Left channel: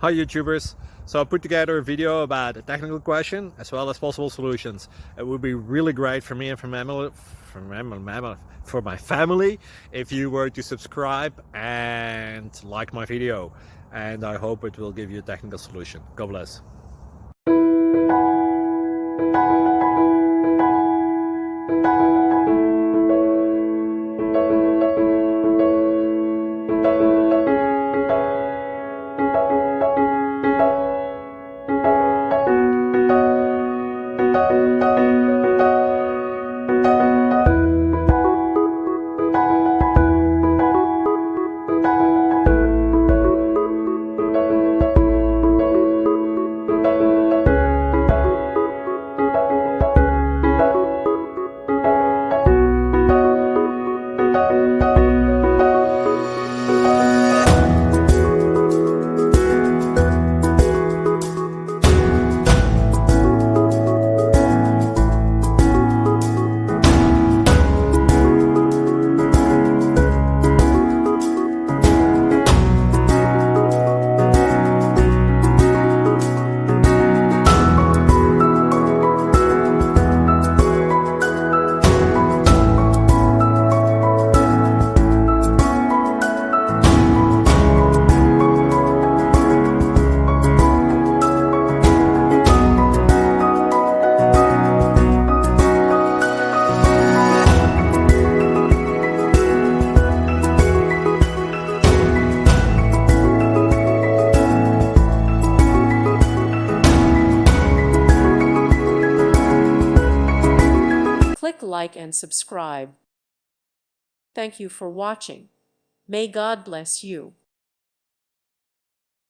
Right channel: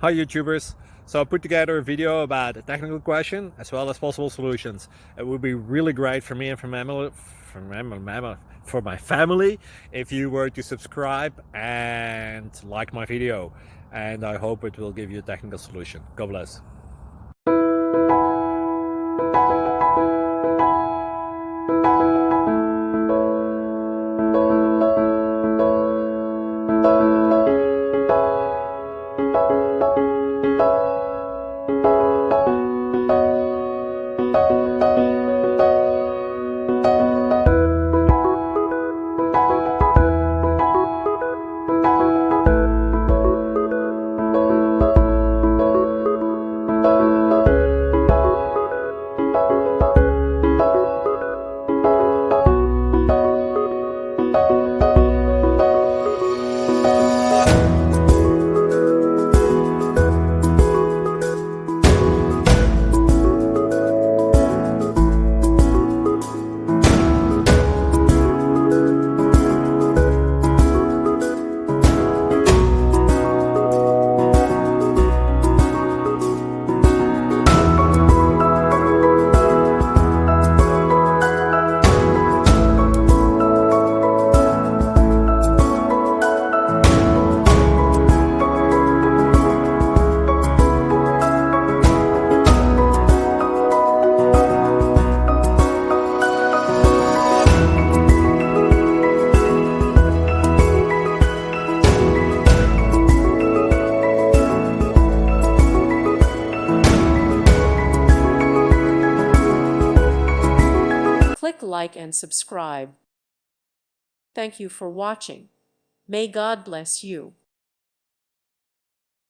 Hi YouTubers! So I put together a video about a technical question as well as possible solutions. It would be really great for me and for my family if you were to subscribe and like my video, and I hope it will give you a technical solution. God bless. Click like and subscribe. Thank you for watching. May God bless you.